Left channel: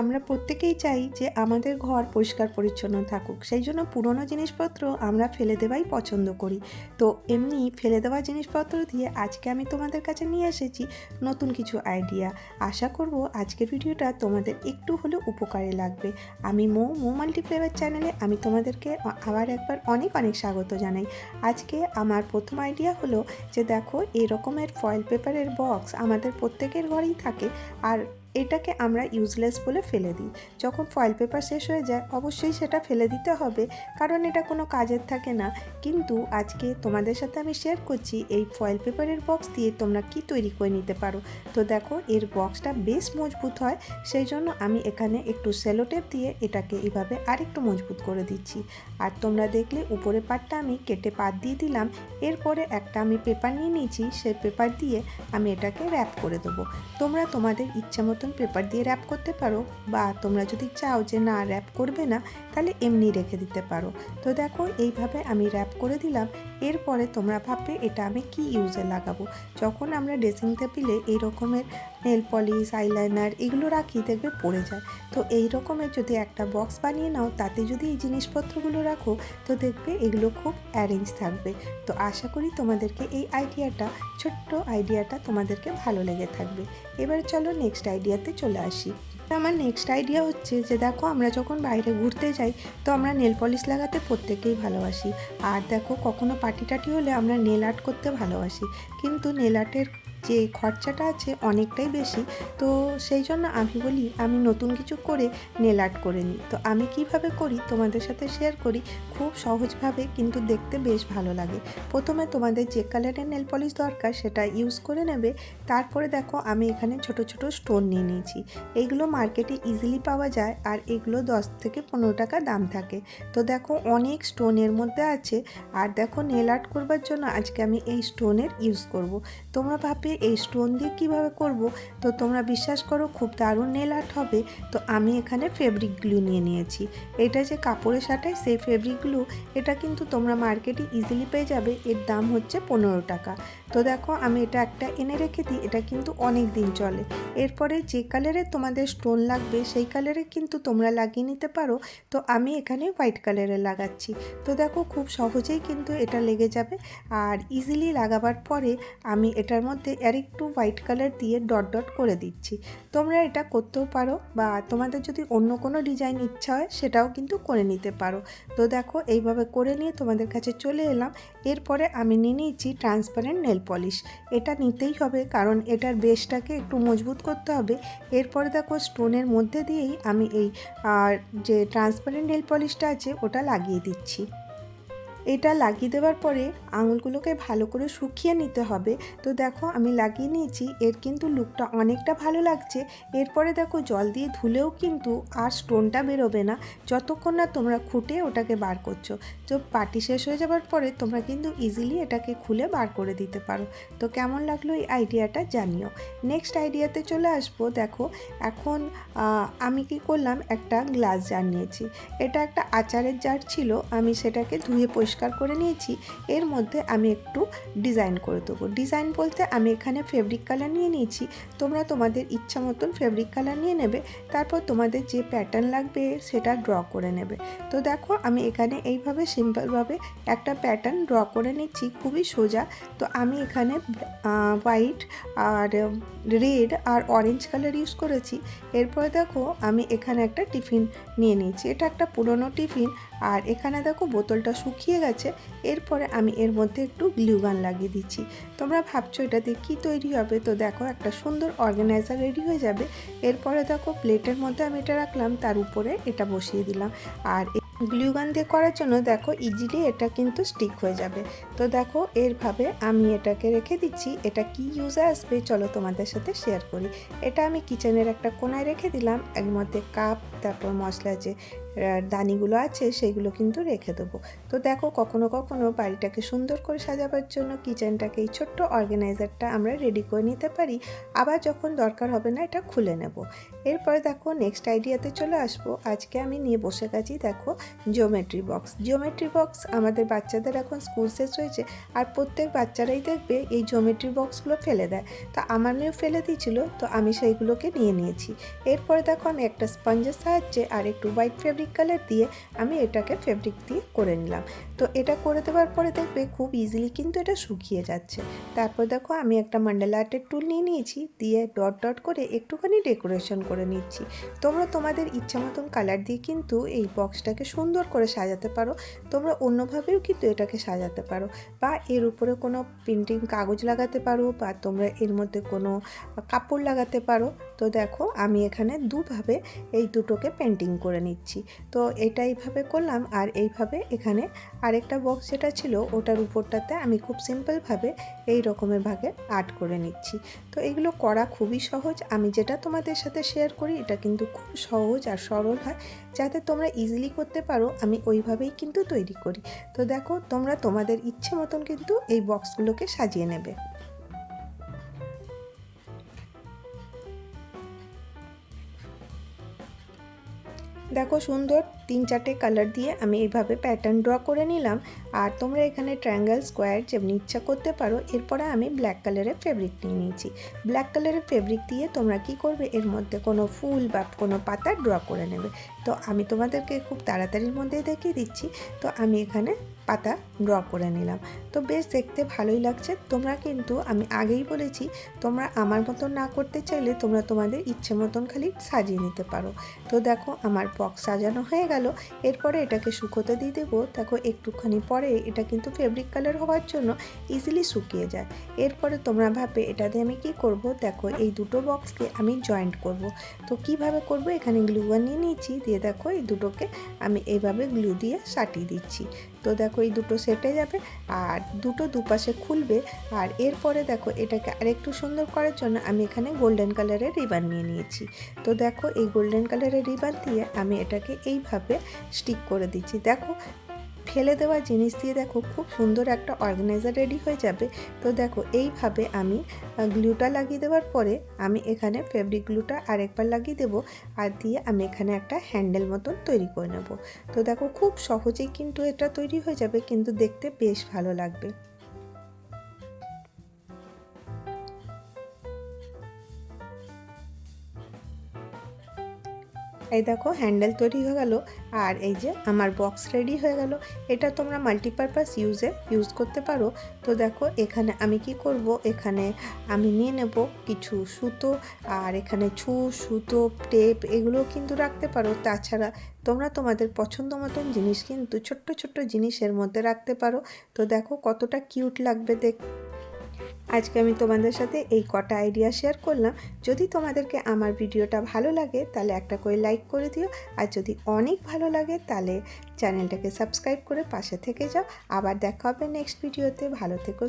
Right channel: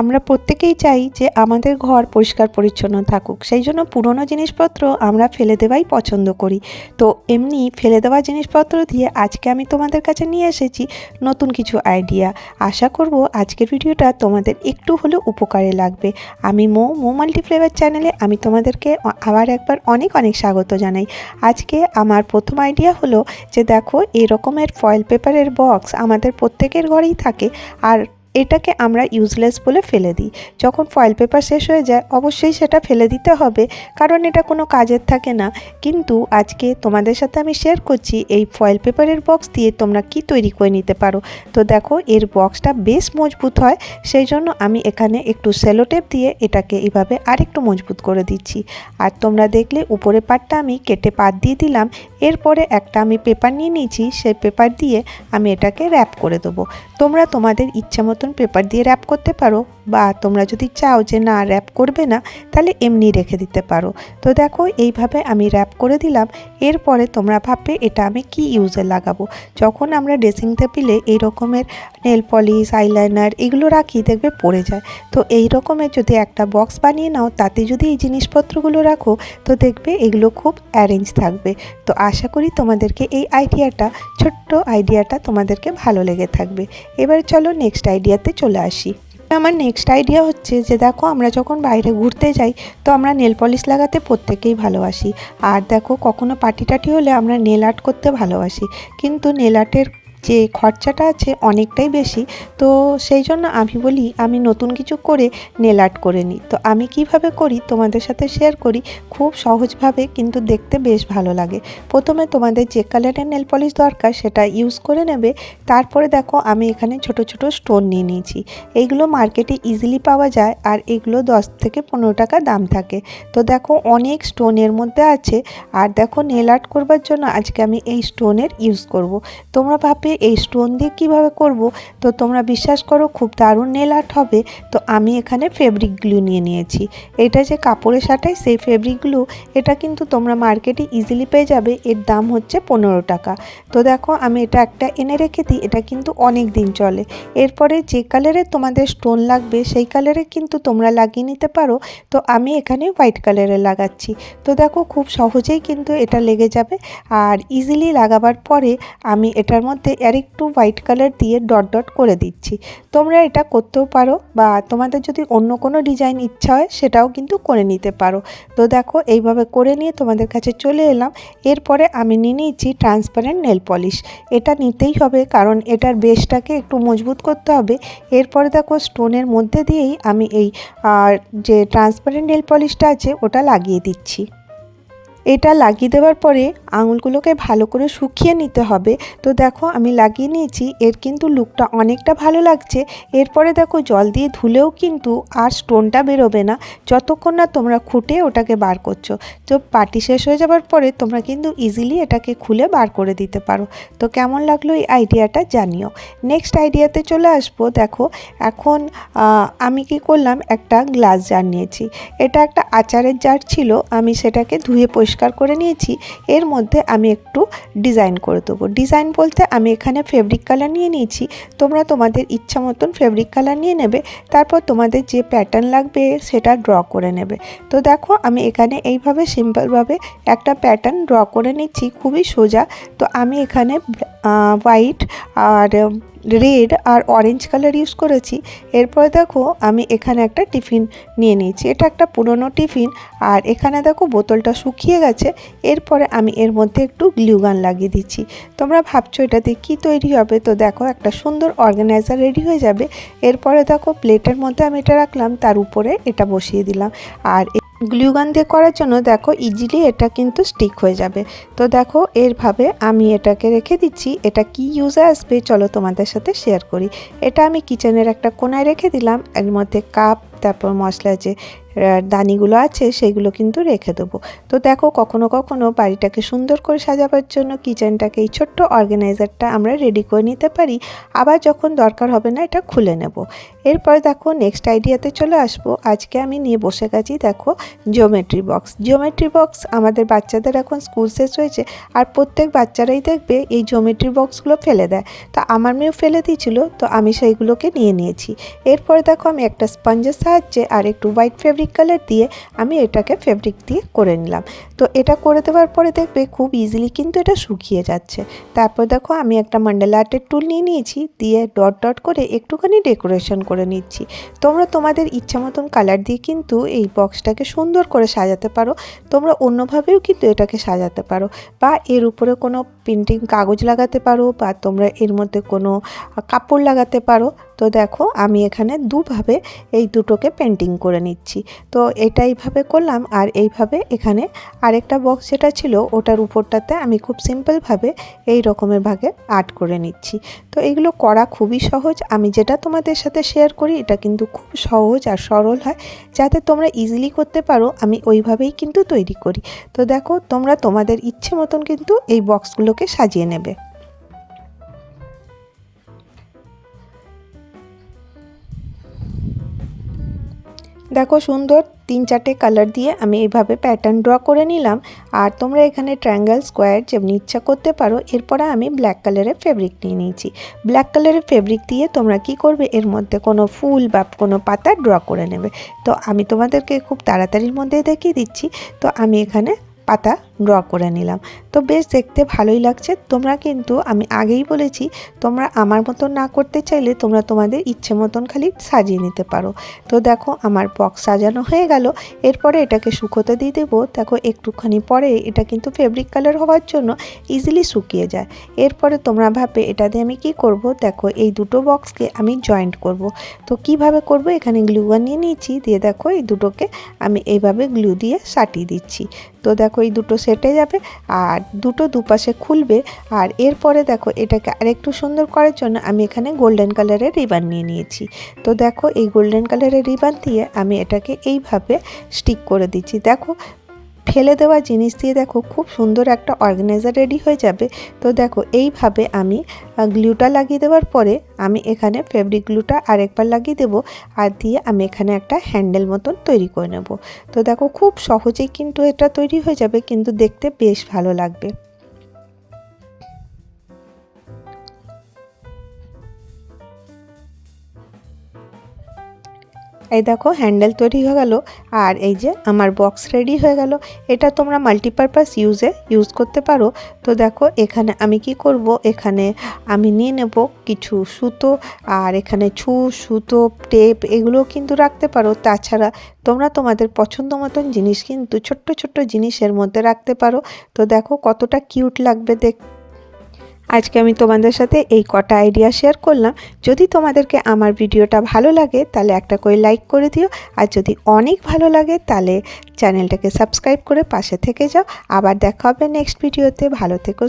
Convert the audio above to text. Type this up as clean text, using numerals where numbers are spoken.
আমরা প্রত্যেকেই চাই যে আমাদের ঘর পরিষ্কার পরিচ্ছন্ন থাকুক, সেই জন্য পুরনো জিনিসপত্র আমরা ফেলে দেওয়াই পছন্দ করি। তো এমনি ফেলে দেওয়া জিনিসপত্র দিয়ে আজকে আমি তোমাদের কাছে নিয়ে এসেছি নতুন কিছু আইডিয়া। আশা করব আজকের ভিডিওটা তোমাদের একটু হলেও উপকারে লাগবে। আমি মো মাল্টিফ্লেভার চ্যানেলে আমি তোমাদেরকে আবার একবার অনেক অনেক স্বাগত জানাই। আজকে আমার প্রথম আইডিয়া হলো যে দেখো, এরকমের ফয়েল পেপারের বক্স আমাদের প্রত্যেকের ঘরেই থাকে, আর এটাকে আমরা ইউজলেস বলে ফেলে দিই। যখন ফয়েল পেপার শেষ হয়ে যায় অবশ্যই সেটা ফেলে দিতে হবে, কারণ এটা কোনো কাজের থাকে না। কিন্তু আজকে তোমাদের সাথে আমি শেয়ার করছি এই ফয়েল পেপারের বক্স দিয়ে তোমরা কি তৈরি করে নিতে পারো। তো দেখো, এর বক্সটা বেশ মজবুত হয়, সেই জন্য আমি এখানে একটু সেলোটেপ দিয়ে এটাকে এইভাবে আরেকটু মজবুত করে দিচ্ছি। আর তোমরা দেখলে উপরে পাটটা আমি কেটে পাত দিয়ে দিলাম। এরপরে একটা আমি পেপার নিয়ে নিয়েছি, সেই পেপার দিয়ে আমি এটাকে র্যাপ করে দেবো। তোমরা তোমাদের ইচ্ছা মতন পেপার দিয়ে র্যাপ করতে পারো, বা তোমরা যদি চাও যে না র্যাপ করবে না তাহলে এমনি রেখে দিতে পারো। তো দেখো, এইভাবে আমি র্যাপ করে দিলাম। এরপরে তোমরা ভাববে এটা আমি কি ইউজে লাগাবো। যখন আমরা ড্রেসিং টেবিলে এই রকমের নেল পলিশ, আইলাইনার এগুলো রাখি দেখবে পড়ে যায়। তো এই রকমের যদি একটা বক্স বানিয়ে নাও, তাতে যদি এই জিনিসপত্রগুলো রাখো তো দেখবে এগুলো খুব অ্যারেঞ্জ থাকবে। তো আশা করি তোমাদেরকে এই ছোট্ট আইডিয়াটা তোমাদেরকে ভালো লেগে থাকবে। এবার চলো নেক্সট আইডিয়াতে চলে আসি। আমার নেক্সট আইডিয়া হচ্ছে যে দেখো, আমরা যখন বাইরে ঘুরতে যাই তো আমরা নেল পলিশ লাগাতে প্রত্যেকেই ভালোবাসি। আর দেখো, কখনো পার্টি টাটি হলে আমরা নেল আর্ট করতে ভালোবাসি, কিন্তু নেল আর্টের যে খরচাটা আছে অনেকটাই বেশি। তো সেই জন্য আমি বলি আমি নতুন কিছু করে নেল আর্ট করে নিই। তো আমি কিভাবে করি তোমাদের সাথে শেয়ার করি, খুব সহজভাবে, কিন্তু দেখতে বেশ ভালো লাগে। প্রথমে তোমাদের যে কালারের নেল পলিশ দরকার সেটা ইউজ করে নেবে। তারপরে দেখো, আমি এখানে ছোট ছোট স্টোন নিয়ে নিয়েছি। এইগুলো মার্কেটে ইজিলি পাওয়া যায়, আর এগুলো 10 থেকে 15 টাকা দাম থাকে। তো দেখো, অনেক স্টোনের মধ্যে আছে। আর দেখো, নেল আর্ট করবার জন্য আজকে আমি এই স্টোনের ইউজ করব। তোমরা ভাববে এই স্টোন দিয়ে কীভাবে করব, তো তোমরা বিশ্বাস করো খুব দারুণ নেল আর্ট হবে। তো আমি এখানে ফেব্রিক গ্লু নিয়ে নিয়েছি। এটা যে কাপড়ে সাটাই সেই ফেব্রিক গ্লু, এটা কিন্তু তোমরা মার্কেটে ইজিলি পেয়ে যাবে। এর দাম হচ্ছে 15 টাকা। তো দেখো, আমি এটা একটা এনে রেখে দিই, এটা কিন্তু অনেক দিন চলে। এরপরে যে কালারের তোমাদের স্টোন লাগবে সেই কালারে কিন্তু তোমরা লাগিয়ে নিতে পারো। তো আমি এখানে হোয়াইট কালারে লাগাচ্ছি। তো দেখো, খুব সহজেই কিন্তু এটা লেগে যাবে। আর ইজিলি লাগাবার পরে আমি এটার মধ্যে আরেকটু হোয়াইট কালার দিয়ে ডট ডট করে দিচ্ছি। তোমরা এটা করতেও পারো, বা তোমাদের যদি অন্য কোনো ডিজাইন ইচ্ছা হয় সেটাও কিন্তু করে নিতে পারো। তো দেখো, এইভাবে করে নিয়ে তোমাদের কাছে চলে এলাম। এরপরে আমি নিয়ে নিয়েছি ট্রান্সপারেন্ট নেল পলিশ। এটা নিতেই হবে, কারণ এটার বেসটাকে একটু মজবুত করতে হবে। এরপরে দেখো, স্টোনের মধ্যে দিয়েই আমি এই যে ট্রান্সপারেন্ট নেল পলিশটা আছে ওটা লাগিয়ে দিচ্ছি। এটা লাগিয়ে দেওয়ার পরে আঙুলগুলোকে ভালো করে শুকিয়ে নিতে হবে। তো দেখো, আমি লাগিয়ে নিয়েছি, এর কিন্তু লুকটা অনেকটা ভালো লাগছে। এরপরে দেখো, জল দিয়ে ধুলেও কিন্তু আর স্টোনটা বেরোবে না, যতক্ষণ না তোমরা খুঁটে ওটাকে বার করছো। তো পার্টি শেষ হয়ে যাওয়ার পরে তোমরা কিন্তু ইজিলি এটাকে খুলে বার করে দিতে পারো। তো কেমন লাগলো এই আইডিয়াটা জানিও। নেক্সট আইডিয়াতে চলে আসবো। দেখো, এখন আমি কি করলাম, একটা গ্লাস জার নিয়েছি। এটা একটা আচারের জার ছিল, আমি সেটাকে ধুয়ে পরিষ্কার করে নিয়েছি। এর মধ্যে আমি একটু ডিজাইন করে দেবো। ডিজাইন বলতে আমি এখানে ফেব্রিক কালার নিয়ে নিয়েছি। তোমরা তোমাদের ইচ্ছা মতন ফেব্রিক কালার নিয়ে নেবে। তারপর তোমাদের যে প্যাটার্ন লাগবে সেটা ড্র করে নেবে। তো দেখো, আমি এখানে এইভাবে সিম্পলভাবে একটা প্যাটার্ন ড্র করে নিচ্ছি, খুবই সোজা। তো আমি এখানে হোয়াইট আর রেড আর অরেঞ্জ কালার ইউজ করেছি। এরপরে দেখো, আমি এখানে একটা টিফিন নিয়ে নিয়েছি। এটা একটা পুরনো টিফিন, আর এখানে দেখো বোতলটা শুকিয়ে গেছে। এরপরে আমি এর মধ্যে একটু গ্লু গান লাগিয়ে দিচ্ছি। তোমরা ভাবছো এটাতে কি তৈরি হবে, তো দেখো, একটা সুন্দর অর্গানাইজার রেডি হয়ে যাবে। এরপরে দেখো, প্লেটের মধ্যে আমি এটা রাখলাম, তার উপরে এটা বসিয়ে দিলাম। আর গ্লু গান দিয়ে করার জন্য দেখো ইজিলি এটা কিন্তু স্টিক হয়ে যাবে। তো দেখো, এরভাবে আমি এটাকে রেখে দিচ্ছি। এটা কি ইউজে আসবে চলো তোমাদের সাথে শেয়ার করি। এটা আমি কিচেনের একটা কোনায় রেখে দিলাম। এর মধ্যে কাপ, তারপর মশলা যে দানিগুলো আছে সেগুলো কিন্তু রেখে দেবো। তো দেখো, কখনো কখনো বাড়িটাকে সুন্দর করে সাজাবার জন্য কিচেনটাকে এই ছোট্ট অর্গানাইজারটা আমরা রেডি করে নিতে পারি। আবার যখন দরকার হবে না এটা খুলে নেব। এরপর দেখো নেক্সট আইডিয়াতে চলে আসবো। আজকে আমি নিয়ে বসে গেছি দেখো জিওমেট্রি বক্স। জিওমেট্রি বক্স আমাদের বাচ্চাদের এখন স্কুল শেষ হয়েছে, আর প্রত্যেক বাচ্চারাই দেখবে এই জিওমেট্রি বক্সগুলো ফেলে দেয়। তো আমার মেয়েও ফেলে দিয়েছিল, তো আমি সেইগুলোকে নিয়ে নিয়েছি। এরপর দেখো আমি একটা স্পঞ্জের সাহায্যে আর একটু হোয়াইট ফেব্রিক কালার দিয়ে আমি এটাকে ফেব্রিক দিয়ে করে নিলাম। তো এটা করে দেওয়ার পরে দেখবে খুব ইজিলি কিন্তু এটা শুকিয়ে যাচ্ছে। তারপর দেখো আমি একটা মন্ডলা আর্টের টুল নিয়ে নিয়েছি, দিয়ে ডট ডট করে একটুখানি ডেকোরেশন করে নিচ্ছি। তোমরা তোমাদের ইচ্ছা মতন কালার দিয়ে কিন্তু এই বক্সটাকে সুন্দর করে সাজাতে পারো। তোমরা অন্যভাবেও কিন্তু এটাকে সাজাতে পারো, বা এর উপরে কোনো প্রিন্টিং কাগজ লাগাতে পারো, বা তোমরা এর মধ্যে কোনো কাপড় লাগাতে পারো। তো দেখো আমি এখানে দুভাবে এই দুটোকে পেন্টিং করে নিচ্ছি। তো এটা এইভাবে করলাম, আর এইভাবে এখানে আরেকটা বক্স যেটা ছিল ওটার উপরটাতে আমি খুব সিম্পলভাবে এই রকমের ভাগে আর্ট করে নিচ্ছি। তো এগুলো করা খুবই সহজ। আমি যেটা তোমাদের সাথে শেয়ার করি এটা কিন্তু খুব সহজ আর সরল হয়, যাতে তোমরা ইজিলি করতে পারো আমি ওইভাবেই কিন্তু তৈরি করি। তো দেখো তোমরা তোমাদের ইচ্ছে মতন কিন্তু এই বক্সগুলোকে সাজিয়ে নেবে। দেখো সুন্দর 3-4টে কালার দিয়ে আমি এইভাবে প্যাটার্ন ড্র করে নিলাম। আর তোমরা এখানে ট্রায়াঙ্গেল স্কোয়ার যেমনি ইচ্ছা করতে পারো। এরপরে আমি ব্ল্যাক কালারের ফেব্রিক নিয়ে নিয়েছি। ব্ল্যাক কালারের ফেব্রিক দিয়ে তোমরা কি করবে, এর মধ্যে কোনো ফুল বা কোনো পাতা ড্র করে নেবে। তো আমি তোমাদেরকে খুব তাড়াতাড়ির মধ্যে দেখিয়ে দিচ্ছি। তো আমি এখানে পাতা ড্র করে নিলাম। তো বেশ দেখতে ভালোই লাগছে। তোমরা কিন্তু আমি আগেই বলেছি, তোমরা আমার মতন না করতে চাইলে তোমরা তোমাদের ইচ্ছে মতন খালি সাজিয়ে নিতে পারো। তো দেখো আমার বক্স সাজানো হয়ে গেল। এরপরে এটাকে শুকোতে দিয়ে দেবো। দেখো একটুখানি পরে এটা কিন্তু ফেব্রিক কালার হওয়ার জন্য ইজিলি শুকিয়ে যায়। এরপরে তোমরা ভাববে এটা দিয়ে আমি কি করব। দেখো এই দুটো বক্সকে আমি জয়েন্ট করব। তো কিভাবে করব, এখানে গ্লু গান নিয়ে নিয়েছি, দিয়ে দেখো এই দুটোকে আমি এইভাবে গ্লু দিয়ে সাটিয়ে দিচ্ছি। তো দেখো এই দুটো সেটে যাবে আর দুটো দুপাশে খুলবে। আর এরপরে দেখো এটাকে আরেকটু সুন্দর করার জন্য আমি এখানে গোল্ডেন কালারের রিবান নিয়ে নিয়েছি। তো দেখো এই গোল্ডেন কালারের রিবান দিয়ে আমি এটাকে এইভাবে স্টিক করে দিচ্ছি। দেখো ফেলে দেওয়া জিনিস দিয়ে দেখো খুব সুন্দর একটা অর্গানাইজার রেডি হয়ে যাবে। তো দেখো এইভাবে আমি গ্লুটা লাগিয়ে দেওয়ার পরে আমি এখানে ফেব্রিক গ্লুটা আরেকবার লাগিয়ে দেবো, আর দিয়ে আমি এখানে একটা হ্যান্ডেল মতন তৈরি করে নেব। তো দেখো খুব সহজেই কিন্তু এটা তৈরি হয়ে যাবে, কিন্তু দেখতে বেশ ভালো লাগবে। এই দেখো হ্যান্ডেল তৈরি হয়ে গেল, আর এই যে আমার বক্স রেডি হয়ে গেল। এটা তোমরা মাল্টিপারপাস ইউজ করতে পারো। তো দেখো এখানে আমি কি করব, এখানে আমি নিয়ে নেব কিছু সুতো, আর এখানে সুতো টেপ এগুলো কিন্তু রাখতে পারো। তাছাড়া তোমরা তোমাদের পছন্দ মতন জিনিস কিন্তু ছোট্ট ছোট্ট জিনিসের মধ্যে রাখতে পারো। তো দেখো কতটা কিউট লাগবে দেখতে। আজকে আমি তোমাদের সাথে এই কটা আইডিয়া শেয়ার করলাম। যদি তোমাদেরকে আমার ভিডিওটা ভালো লাগে তাহলে একটা করে লাইক করে দিও, আর যদি অনেক ভালো লাগে তাহলে চ্যানেলটাকে সাবস্ক্রাইব করে পাশে থেকে যাও। আবার দেখা হবে নেক্সট ভিডিওতে। ভালো থেকো।